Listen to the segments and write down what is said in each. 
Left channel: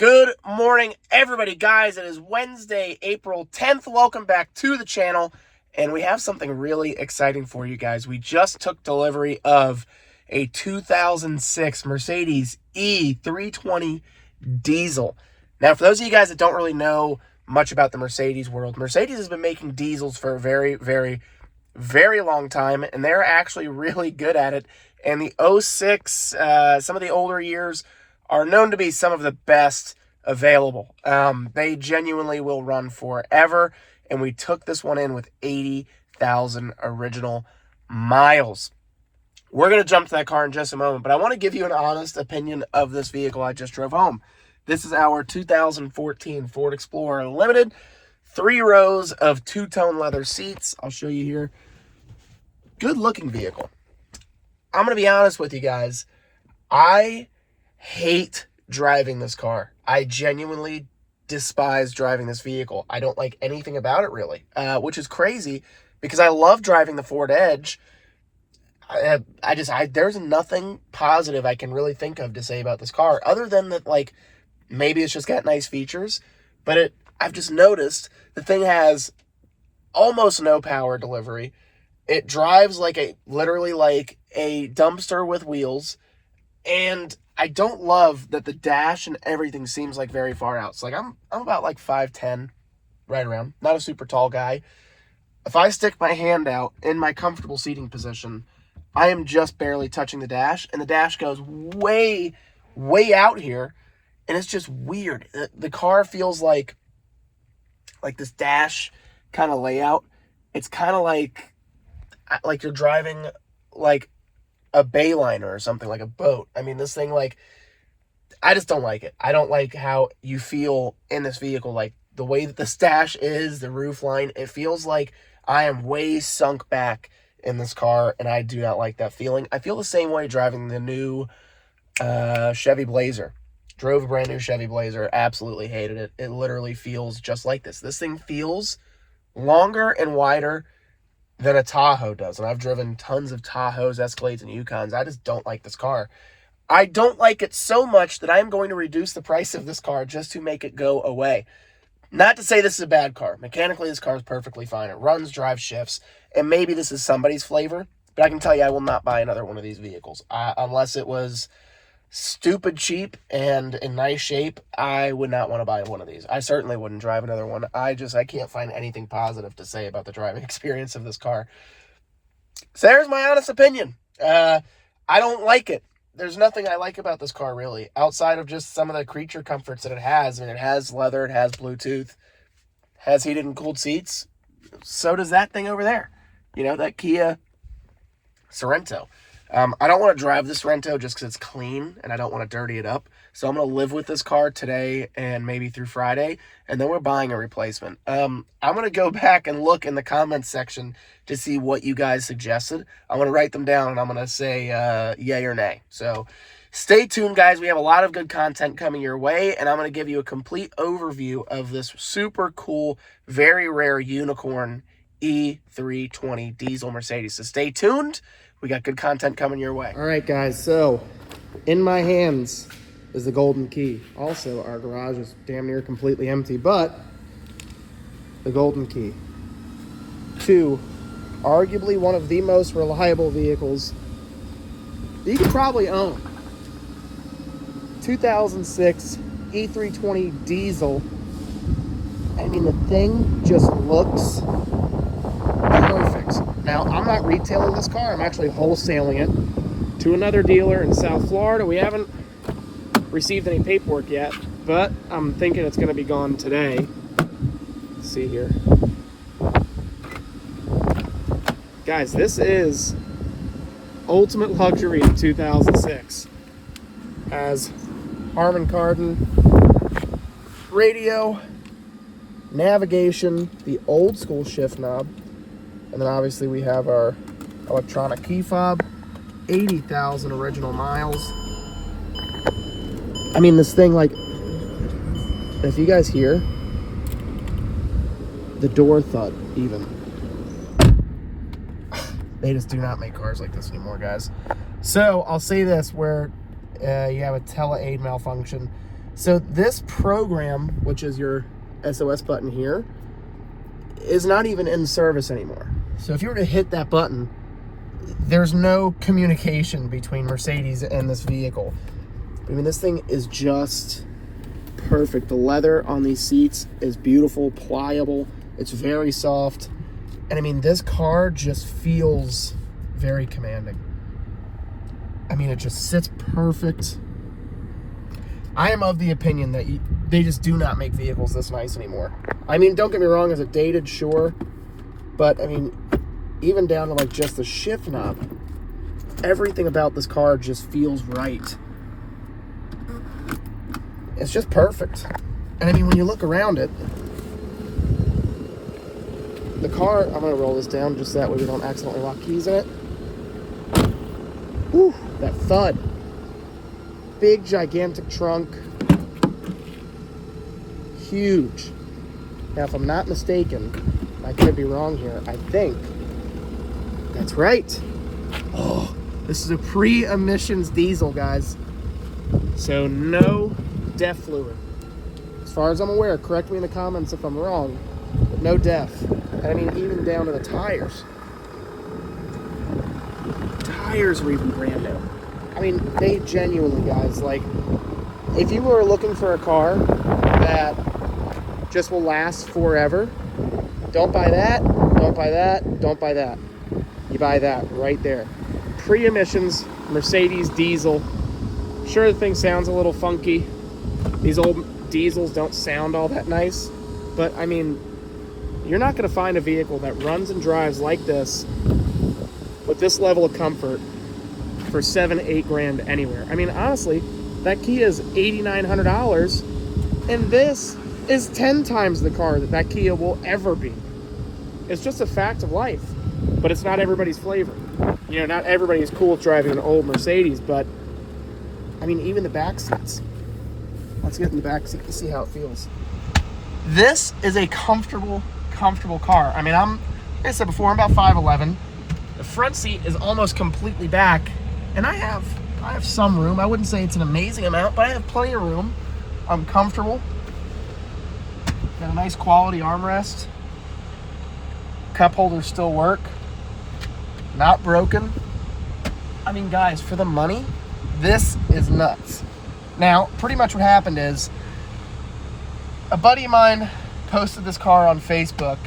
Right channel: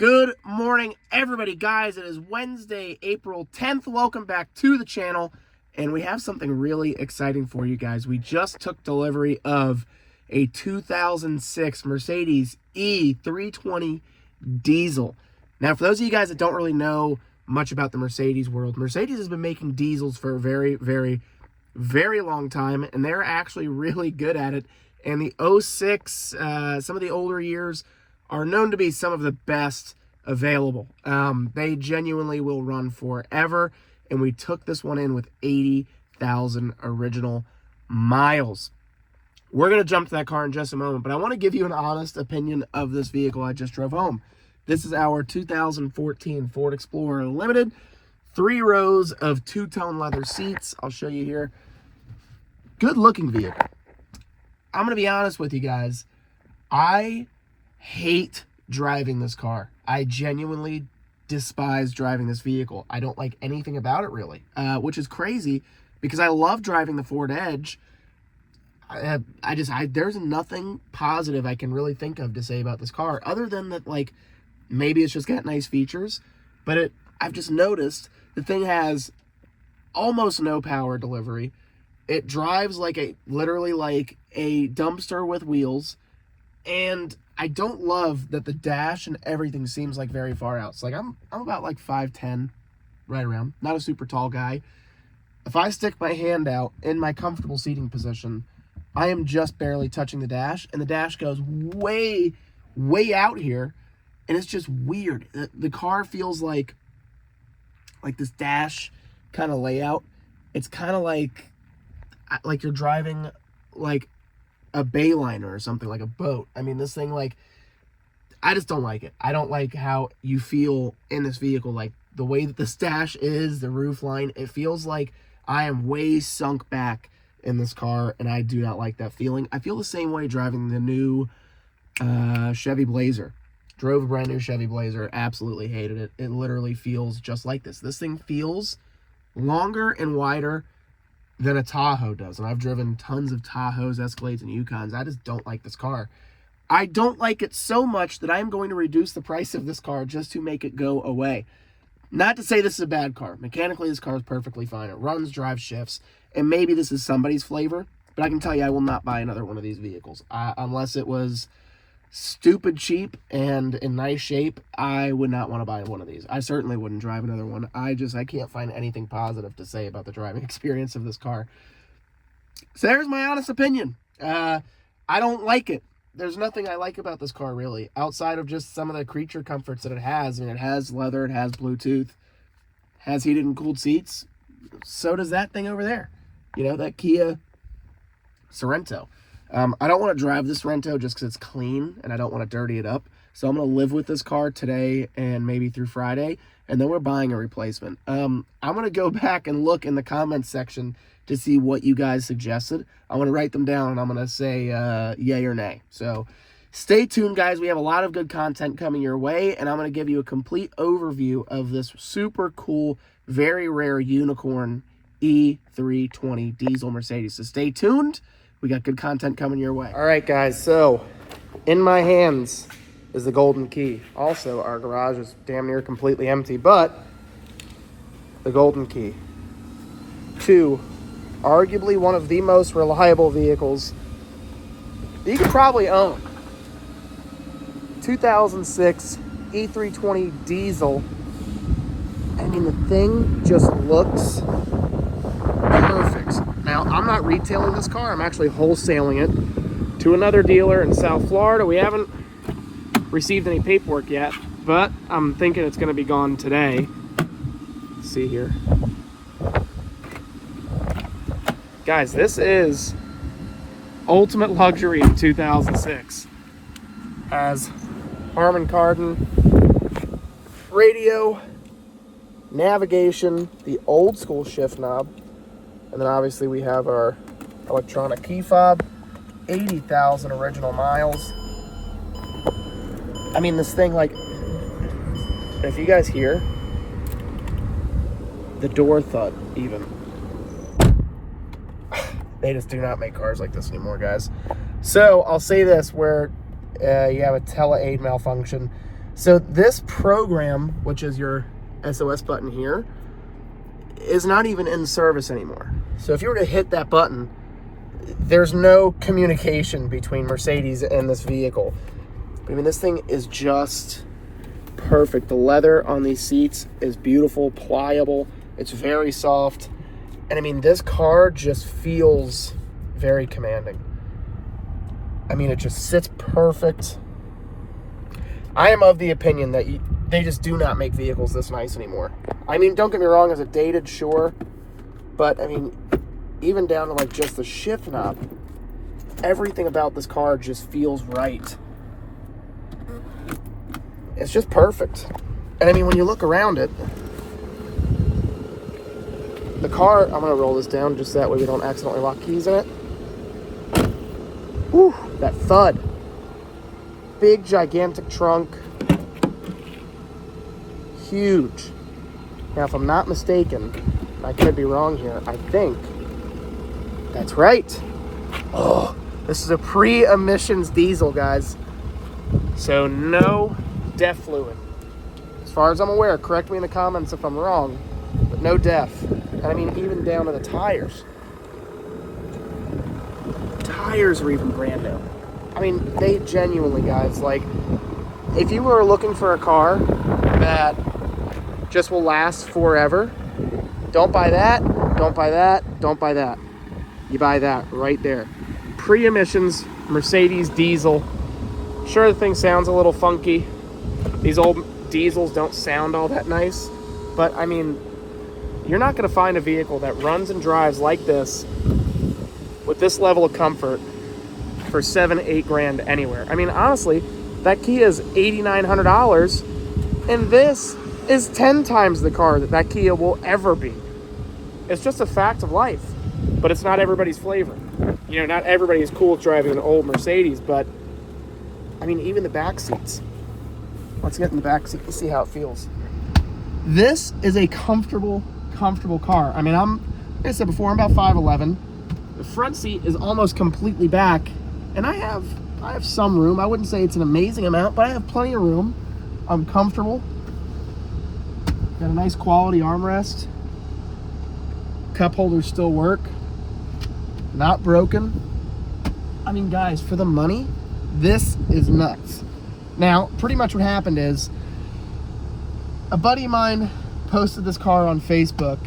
Good morning, everybody. Guys, it is Wednesday, April 10th. Welcome back to the channel, and we have something really exciting for you guys. We just took delivery of a 2006 Mercedes E320 Diesel. Now, for those of you guys that don't really know much about the Mercedes world, Mercedes has been making diesels for a very long time, and they're actually really good at it. And the 06, some of the older years, are known to be some of the best available. They genuinely will run forever, and we took this one in with 80,000 original miles. We're going to jump to that car in just a moment, but I want to give you an honest opinion of this vehicle I just drove home. This is our 2014 Ford Explorer Limited. 3 rows of two-tone leather seats. I'll show you here. Good looking vehicle. I'm going to be honest with you guys. I hate driving this car. I genuinely despise driving this vehicle. I don't like anything about it really, which is crazy because I love driving the Ford Edge. There's nothing positive I can really think of to say about this car other than that, like, maybe it's just got nice features, but I've just noticed the thing has almost no power delivery. It drives literally like a dumpster with wheels, and I don't love that the dash and everything seems like very far out. So I'm about like 5'10", right around. Not a super tall guy. If I stick my hand out in my comfortable seating position, I am just barely touching the dash, and the dash goes way out here, and it's just weird. The car feels like this dash kind of layout. It's kind of like you're driving like a bayliner or something, like a boat. I mean, this thing, I just don't like it. I don't like how you feel in this vehicle. Like the way that the dash is, the roof line, it feels like I am way sunk back in this car, and I do not like that feeling. I feel the same way driving the new Chevy Blazer. Drove a brand new Chevy Blazer, absolutely hated it. It literally feels just like this. This thing feels longer and wider than a Tahoe does, and I've driven tons of Tahoes, Escalades, and Yukons. I just don't like this car. I don't like it so much that I'm going to reduce the price of this car just to make it go away. Not to say this is a bad car. Mechanically, this car is perfectly fine. It runs, drives, shifts, and maybe this is somebody's flavor, but I can tell you I will not buy another one of these vehicles. Unless it was stupid cheap and in nice shape, I would not want to buy one of these. I certainly wouldn't drive another one. I can't find anything positive to say about the driving experience of this car. So there's my honest opinion. I don't like it. There's nothing I like about this car really, outside of just some of the creature comforts that it has. I mean, it has leather, it has Bluetooth, has heated and cooled seats. So does that thing over there. You know, that Kia Sorento. I don't want to drive this Sorento just because it's clean and I don't want to dirty it up. So I'm going to live with this car today and maybe through Friday, and then we're buying a replacement. I'm going to go back and look in the comments section to see what you guys suggested. I'm going to write them down, and I'm going to say yay or nay. So stay tuned, guys. We have a lot of good content coming your way, and I'm going to give you a complete overview of this super cool, very rare unicorn E320 diesel Mercedes. So stay tuned. We got good content coming your way. All right, guys, so in my hands is the golden key. Also, our garage is damn near completely empty, but the golden key to arguably one of the most reliable vehicles that you could probably own. 2006 E320 Diesel. I mean, the thing just looks perfect. Now, I'm not retailing this car. I'm actually wholesaling it to another dealer in South Florida. We haven't received any paperwork yet, but I'm thinking it's going to be gone today. Let's see here. Guys, this is ultimate luxury in 2006. Has Harman Kardon radio, navigation, the old school shift knob, and then obviously we have our electronic key fob, 80,000 original miles. I mean, this thing, like, if you guys hear the door thud even, they just do not make cars like this anymore, guys. So I'll say this, where you have a tele-aid malfunction, So this program, which is your SOS button here, is not even in service anymore. So if you were to hit that button, there's no communication between Mercedes and this vehicle. I mean, this thing is just perfect. The leather on these seats is beautiful, pliable. It's very soft. And I mean, this car just feels very commanding. I mean, it just sits perfect. I am of the opinion that they just do not make vehicles this nice anymore. I mean, don't get me wrong, is it dated? Sure. But I mean, even down to like just the shift knob, everything about this car just feels right. It's just perfect. And I mean, when you look around it, the car, I'm gonna roll this down just that way we don't accidentally lock keys in it. Whew, that thud. Big, gigantic trunk. Huge. Now, if I'm not mistaken, I could be wrong here, I think that's right. Oh, this is a pre-emissions diesel, guys. So no DEF fluid. As far as I'm aware, correct me in the comments if I'm wrong, but no DEF. And I mean, even down to the tires. Tires are even brand new. I mean, they genuinely, guys, like, if you were looking for a car that just will last forever, don't buy that, don't buy that, don't buy that. You buy that right there. Pre-emissions Mercedes diesel. Sure, the thing sounds a little funky. These old diesels don't sound all that nice, but I mean, you're not going to find a vehicle that runs and drives like this with this level of comfort for $7-8 grand anywhere. I mean, honestly, that Kia is $8,900, and this is 10 times the car that Kia will ever be. It's just a fact of life, but it's not everybody's flavor. You know, not everybody is cool with driving an old Mercedes, but I mean, even the back seats. Let's get in the back seat and see how it feels. This is a comfortable car. I mean, like I said before, I'm about 5'11". The front seat is almost completely back, and I have some room. I wouldn't say it's an amazing amount, but I have plenty of room. I'm comfortable. Got a nice quality armrest. Cup holders still work. Not broken. I mean, guys, for the money, this is nuts. Now, pretty much what happened is a buddy of mine posted this car on Facebook,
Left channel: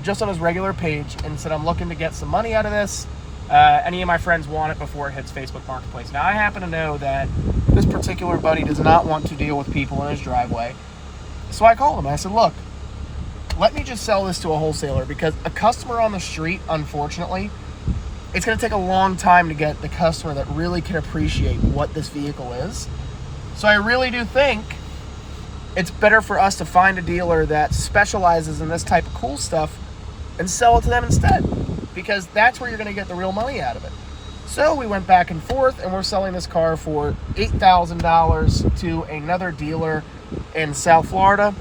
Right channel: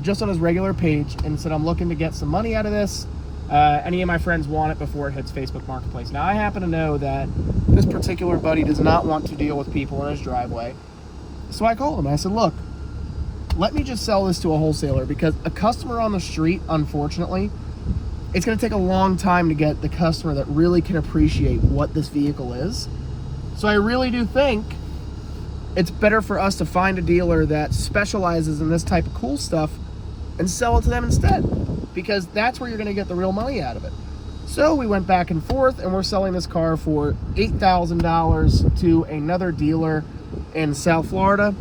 just on his regular page, and said, I'm looking to get some money out of this. Any of my friends want it before it hits Facebook Marketplace. Now, I happen to know that this particular buddy does not want to deal with people in his driveway. So I called him and I said, look, let me just sell this to a wholesaler, because a customer on the street, unfortunately, it's going to take a long time to get the customer that really can appreciate what this vehicle is. So I really do think it's better for us to find a dealer that specializes in this type of cool stuff and sell it to them instead, because that's where you're going to get the real money out of it. So we went back and forth, and we're selling this car for $8,000 to another dealer in South Florida.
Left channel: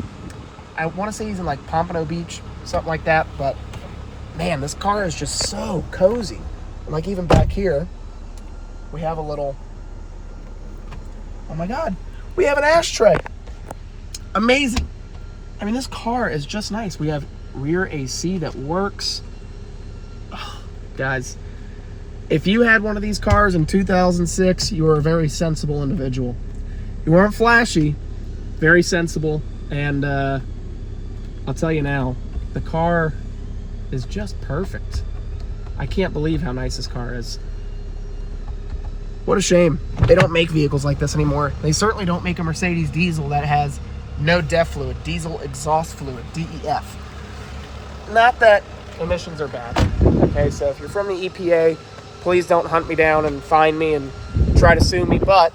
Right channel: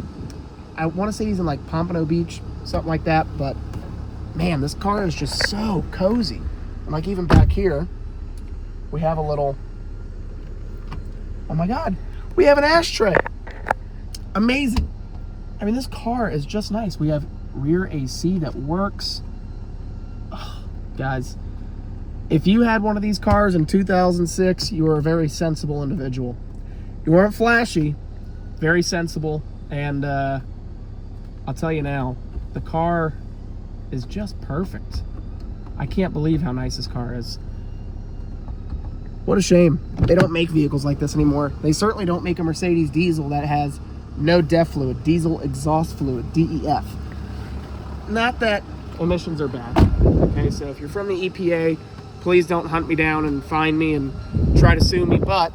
I want to say he's in like Pompano Beach, something like that, but man, this car is just so cozy. And like even back here, we have a little, oh my God, we have an ashtray. Amazing. I mean, this car is just nice. We have rear AC that works. Oh, guys, if you had one of these cars in 2006, you were a very sensible individual. You weren't flashy, very sensible, and I'll tell you now, the car is just perfect. I can't believe how nice this car is. What a shame. They don't make vehicles like this anymore. They certainly don't make a Mercedes diesel that has no DEF fluid, diesel exhaust fluid, DEF. Not that emissions are bad, okay? So if you're from the EPA, please don't hunt me down and find me and try to sue me, but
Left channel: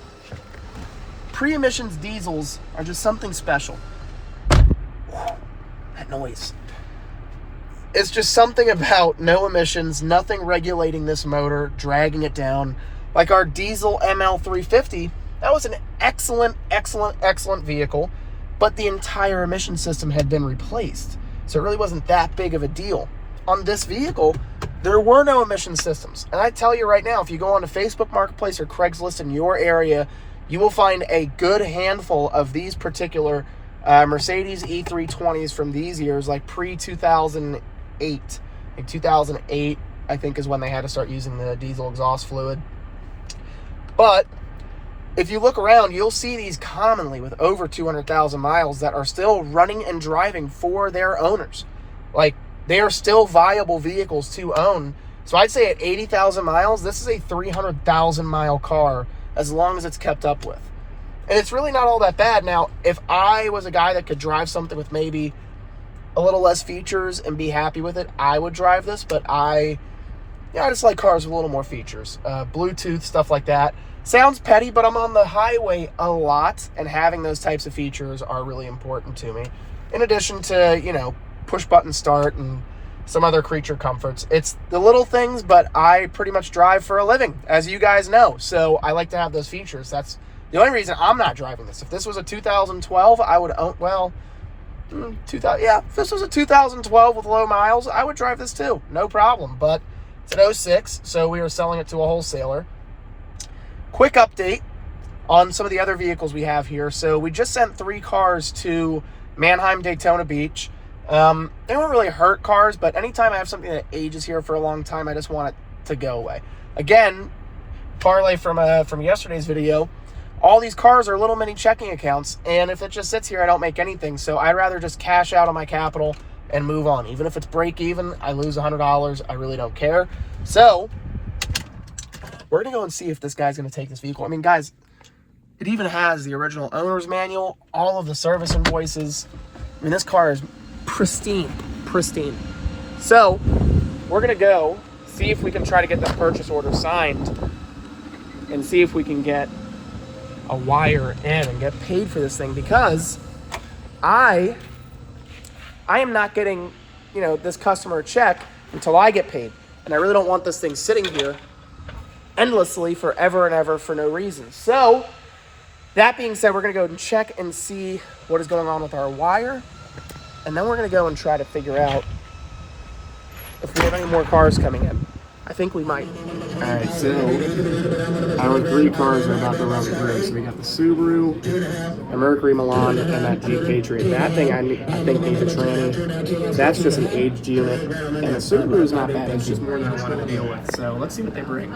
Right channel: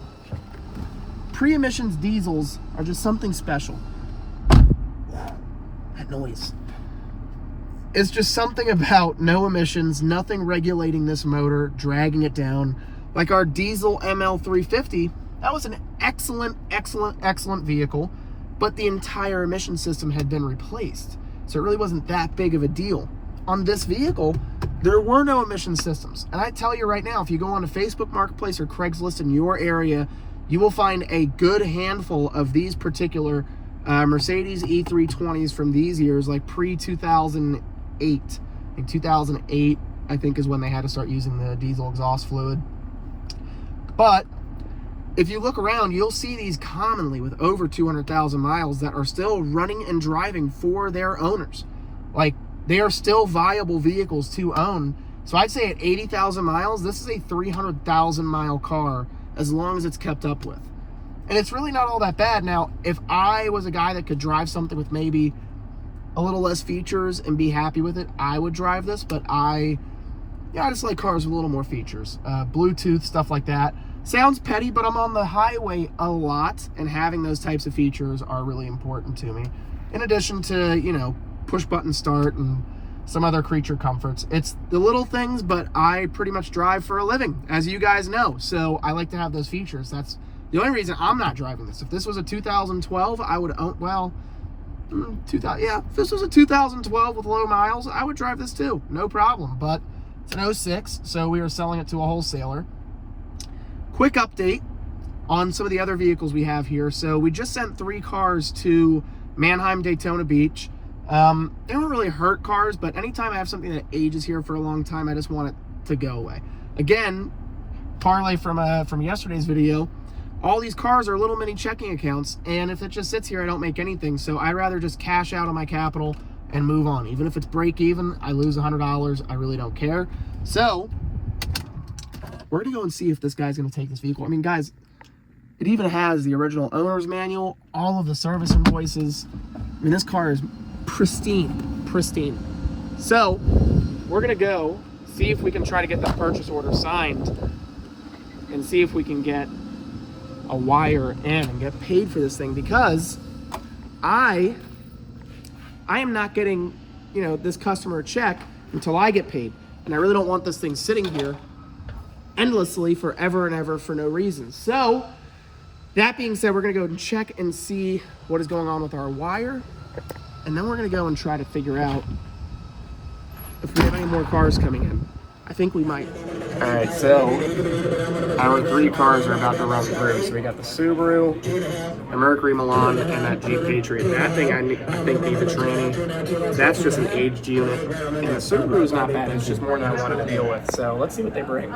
pre-emissions diesels are just something special. That noise. It's just something about no emissions, nothing regulating this motor, dragging it down. Like our diesel ML350, that was an excellent vehicle, but the entire emission system had been replaced. So it really wasn't that big of a deal. On this vehicle, there were no emission systems. And I tell you right now, if you go on to Facebook Marketplace or Craigslist in your area, you will find a good handful of these particular Mercedes E320s from these years, like pre-2008. Like 2008, I think, is when they had to start using the diesel exhaust fluid. But if you look around, you'll see these commonly with over 200,000 miles that are still running and driving for their owners. Like, they are still viable vehicles to own. So I'd say at 80,000 miles, this is a 300,000 mile car as long as it's kept up with. And it's really not all that bad. Now, if I was a guy that could drive something with maybe a little less features and be happy with it, I would drive this. But I just like cars with a little more features. Bluetooth, stuff like that. Sounds petty, but I'm on the highway a lot, and having those types of features are really important to me. In addition to, you know, push-button start and some other creature comforts. It's the little things, but I pretty much drive for a living, as you guys know. So I like to have those features. That's the only reason I'm not driving this. If this was a 2012, I would own, well, if this was a 2012 with low miles, I would drive this too. No problem. But it's an 06, so we are selling it to a wholesaler. Quick update on some of the other vehicles we have here. So we just sent 3 cars to Mannheim, Daytona Beach. They don't really hurt cars, but anytime I have something that ages here for a long time, I just want it to go away. Again, parlay from yesterday's video, all these cars are little mini checking accounts, and if it just sits here, I don't make anything. So I'd rather just cash out on my capital and move on. Even if it's break even, I lose $100, I really don't care. So we're gonna go and see if this guy's gonna take this vehicle. I mean, guys, it even has the original owner's manual, all of the service invoices. I mean, this car is pristine. So we're gonna go see if we can try to get the purchase order signed and see if we can get a wire in and get paid for this thing, because I am not getting, you know, this customer a check until I get paid, and I really don't want this thing sitting here endlessly forever and ever for no reason. So that being said, we're gonna go and check and see what is going on with our wire, and then we're gonna go and try to figure out if we have any more cars coming in. I think we might. All right, so our 3 cars are about to run through. So we got the Subaru, the Mercury Milan, and that Jeep Patriot. That thing I think needs a tranny. That's just an aged unit. And the Subaru's not bad. It's just more than I wanted to deal with. So let's see what they bring.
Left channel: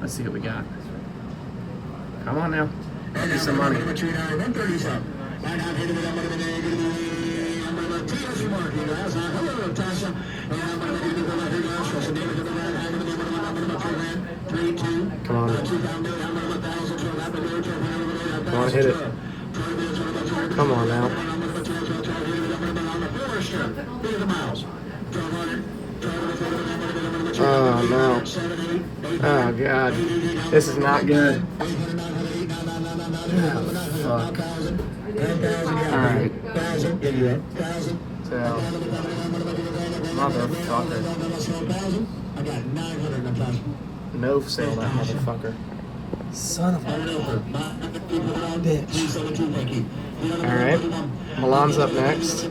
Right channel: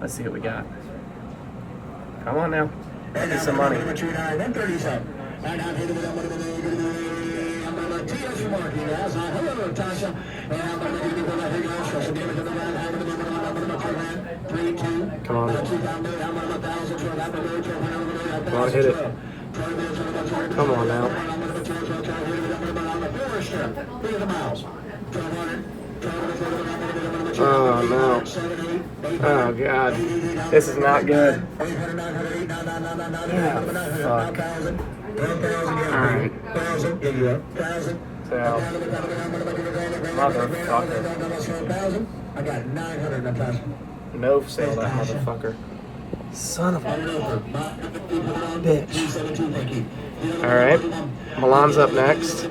Let's see what we got. Come on now. Give me some money. Come on. Come on, hit it. Come on now. Oh no. Oh god. This is not good. Oh, fuck. Alright. So, motherfucker. No sale, that motherfucker. Son of a bitch. Alright. Milan's up next.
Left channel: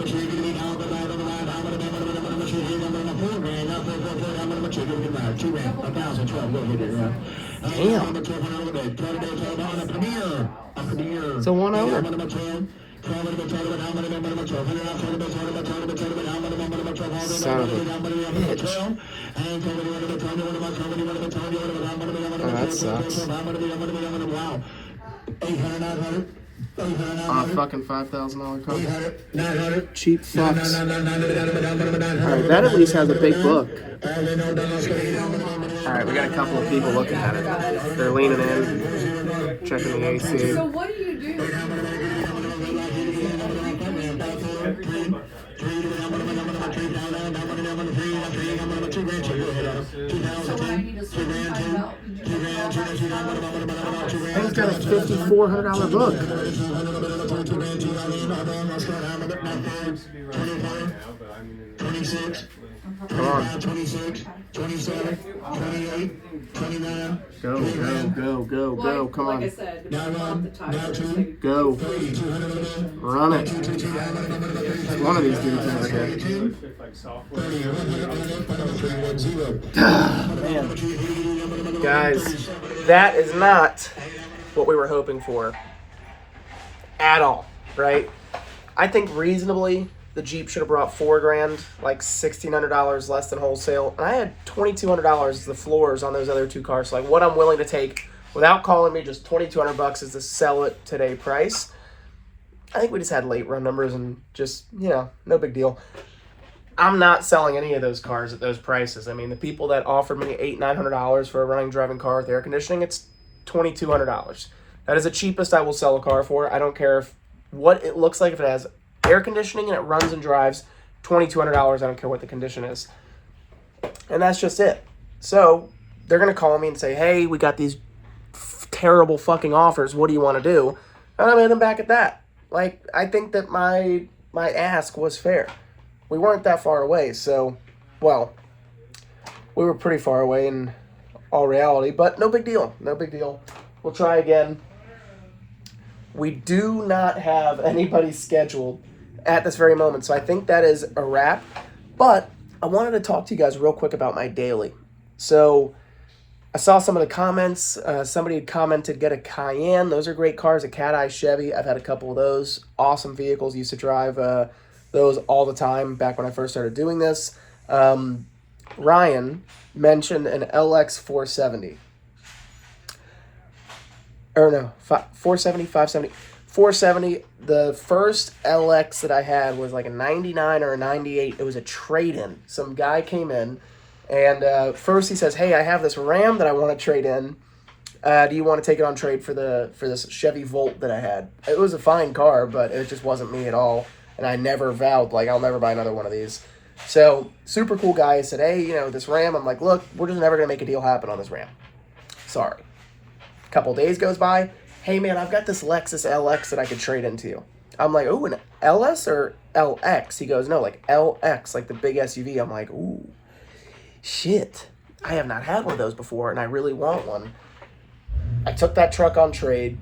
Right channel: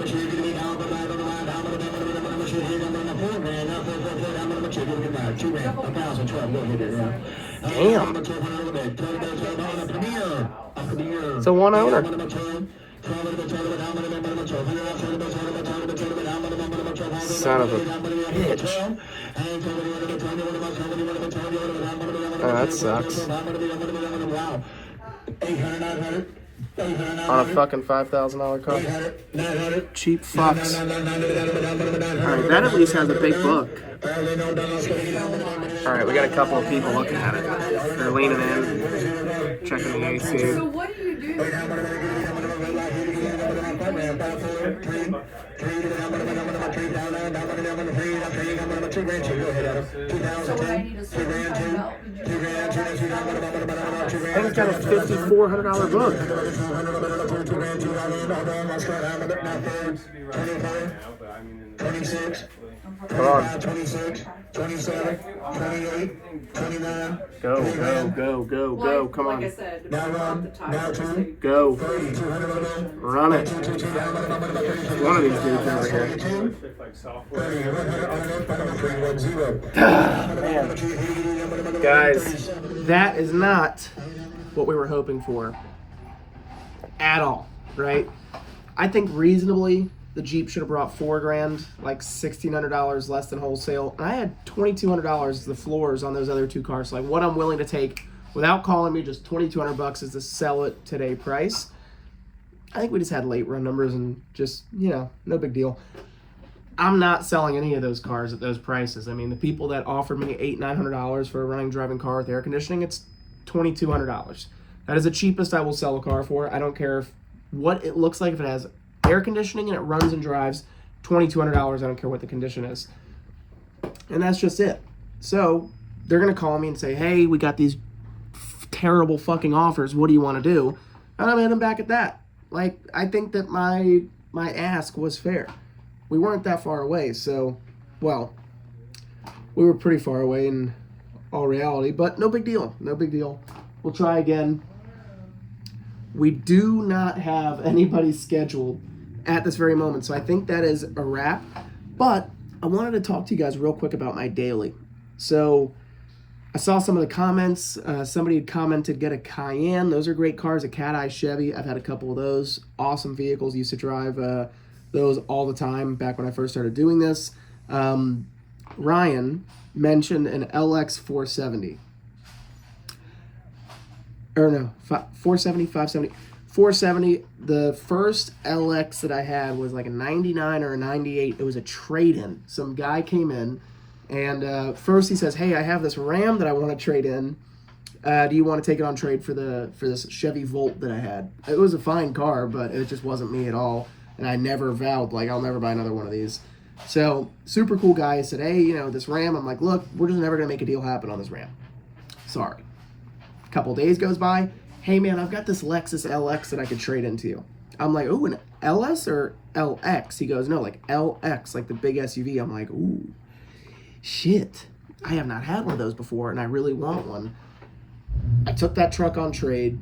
Damn. It's a one owner. Son of a bitch. Oh, that sucks. On a fucking $5,000 car. Cheap fucks. Alright, that at least has a big book. Alright, we got a couple of people looking at it. They're leaning in, checking the AC. So what do you do? And it's got a $5,400 book. Come on. 26, 27, 28, 29. Go. Come on. Like I said, Now 2. Go. Run it. One of these dudes over here. Man. Guys, that is not what we were hoping for at all, right? I think reasonably the Jeep should have brought $4,000, like $1,600 less than wholesale. And I had $2,200 as the floors on those other two cars. So like what I'm willing to take without calling me, just $2,200 is to sell it today price. I think we just had late run numbers and just, you know, no big deal. I'm not selling any of those cars at those prices. I mean, the people that offered me $800-900 for a running driving car with air conditioning, it's $2,200. That is the cheapest I will sell a car for. I don't care if what it looks like. If it has air conditioning and it runs and drives, $2,200. I don't care what the condition is. And that's just it. So they're going to call me and say, hey, we got these terrible fucking offers. What do you want to do? And I'm going to hit them back at that. Like, I think that my ask was fair. We weren't that far away, so, well, we were pretty far away in all reality, but no big deal. No big deal. We'll try again. We do not have anybody scheduled at this very moment, so I think that is a wrap. But I wanted to talk to you guys real quick about my daily. So I saw some of the comments. Somebody had commented, get a Cayenne. Those are great cars, a Cat Eye Chevy. I've had a couple of those. Awesome vehicles. Used to drive those all the time back when I first started doing this. Ryan mentioned an LX 470. Or no, 470, 570. 470. The first LX that I had was like a 99 or a 98. It was a trade-in. Some guy came in, and first he says, hey, I have this Ram that I want to trade in. Do you want to take it on trade for this Chevy Volt that I had? It was a fine car, but it just wasn't me at all. And I never vowed, like, I'll never buy another one of these. So, super cool guy. I said, hey, you know, this Ram. I'm like, look, we're just never going to make a deal happen on this Ram. Sorry. A couple days goes by. Hey, man, I've got this Lexus LX that I could trade into you. I'm like, oh, an LS or LX? He goes, no, like LX, like the big SUV. I'm like, ooh, shit. I have not had one of those before, and I really want one. I took that truck on trade.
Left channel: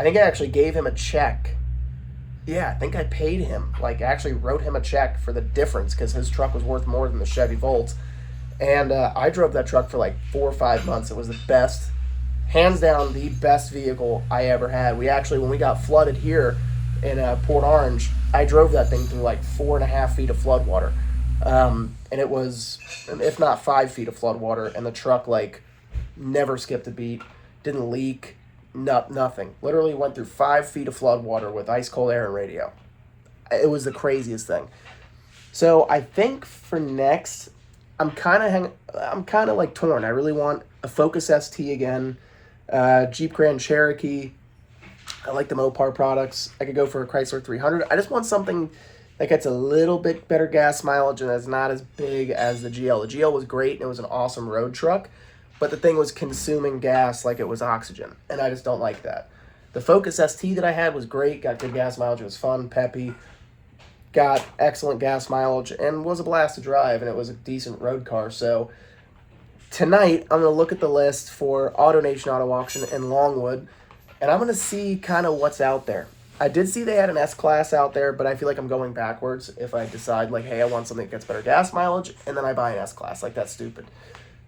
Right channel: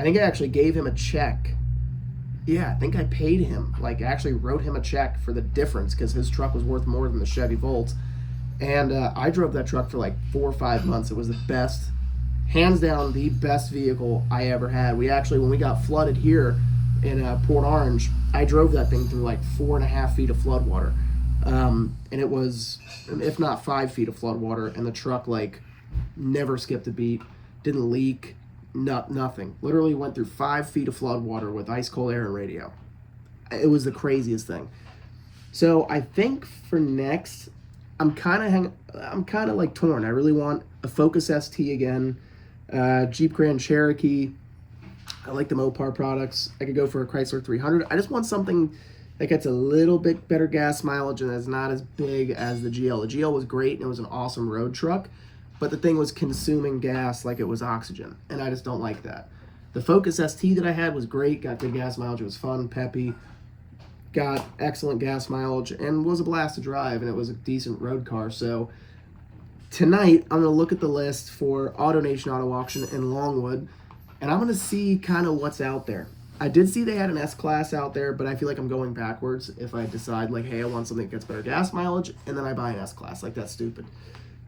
I think I actually gave him a check. Yeah, I think I paid him, like actually wrote him a check for the difference because his truck was worth more than the Chevy Volt. And I drove that truck for like 4 or 5 months. It was the best, hands down, the best vehicle I ever had. We actually, when we got flooded here in Port Orange, I drove that thing through like 4.5 feet of flood water. And it was, if not 5 feet of flood water, and the truck like never skipped a beat, didn't leak. Nothing. Literally went through 5 feet of flood water with ice cold air and radio. It was the craziest thing. So I think for next, I'm kind of like torn. I really want a Focus ST again, Jeep Grand Cherokee. I like the Mopar products. I could go for a Chrysler 300. I just want something that gets a little bit better gas mileage and is not as big as the GL. The GL was great and it was an awesome road truck. But the thing was consuming gas like it was oxygen, and I just don't like that. The Focus ST that I had was great, got good gas mileage, it was fun, peppy, got excellent gas mileage, and was a blast to drive, and it was a decent road car. So tonight, I'm going to look at the list for AutoNation Auto Auction in Longwood, and I'm going to see kind of what's out there. I did see they had an S-Class out there, but I feel like I'm going backwards if I decide, like, hey, I want something that gets better gas mileage, and then I buy an S-Class. Like, that's stupid.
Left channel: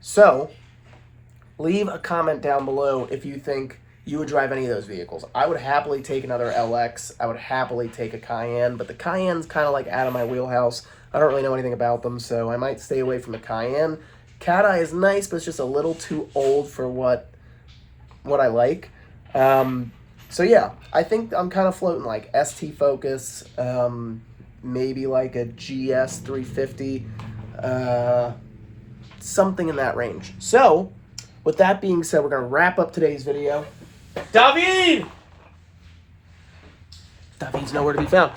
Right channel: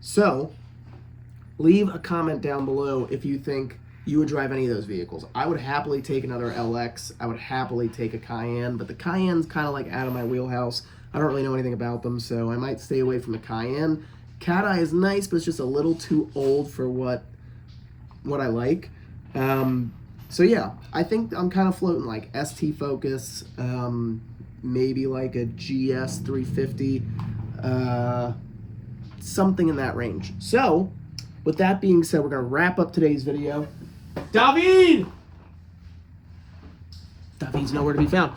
So leave a comment down below if you think you would drive any of those vehicles. I would happily take another LX. I would happily take a Cayenne, but the Cayenne's kind of like out of my wheelhouse. I don't really know anything about them, so I might stay away from the Cayenne. Cat Eye is nice, but it's just a little too old for what I like. So yeah, I think I'm kind of floating like ST Focus, maybe like a GS 350, something in that range. So with that being said, we're going to wrap up today's video. David! David's nowhere to be found.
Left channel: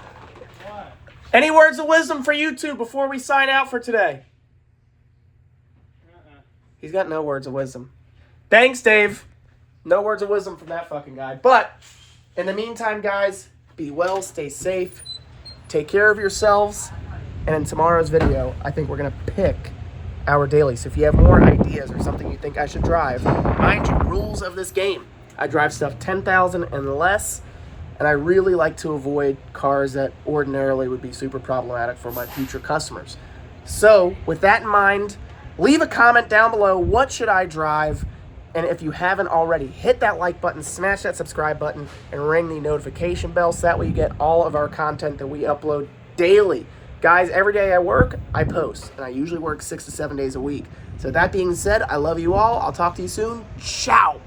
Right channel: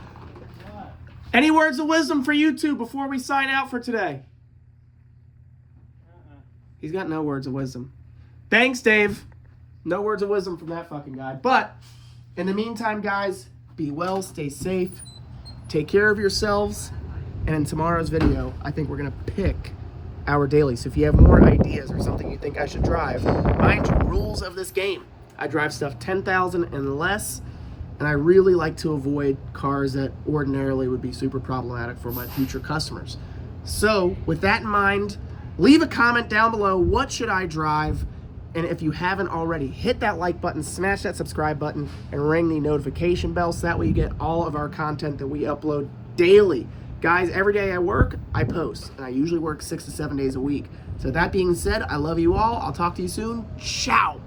Any words of wisdom for you two before we sign out for today? He's got no words of wisdom. Thanks, Dave. No words of wisdom from that fucking guy. But in the meantime, guys, be well, stay safe, take care of yourselves, and in tomorrow's video, I think we're going to pick our daily. So if you have more ideas or something you think I should drive, mind you, rules of this game. I drive stuff 10,000 and less, and I really like to avoid cars that ordinarily would be super problematic for my future customers. So with that in mind, leave a comment down below. What should I drive? And if you haven't already, hit that like button, smash that subscribe button, and ring the notification bell so that way you get all of our content that we upload daily. Guys, every day I work, I post, and I usually work 6 to 7 days a week. So that being said, I love you all. I'll talk to you soon. Ciao.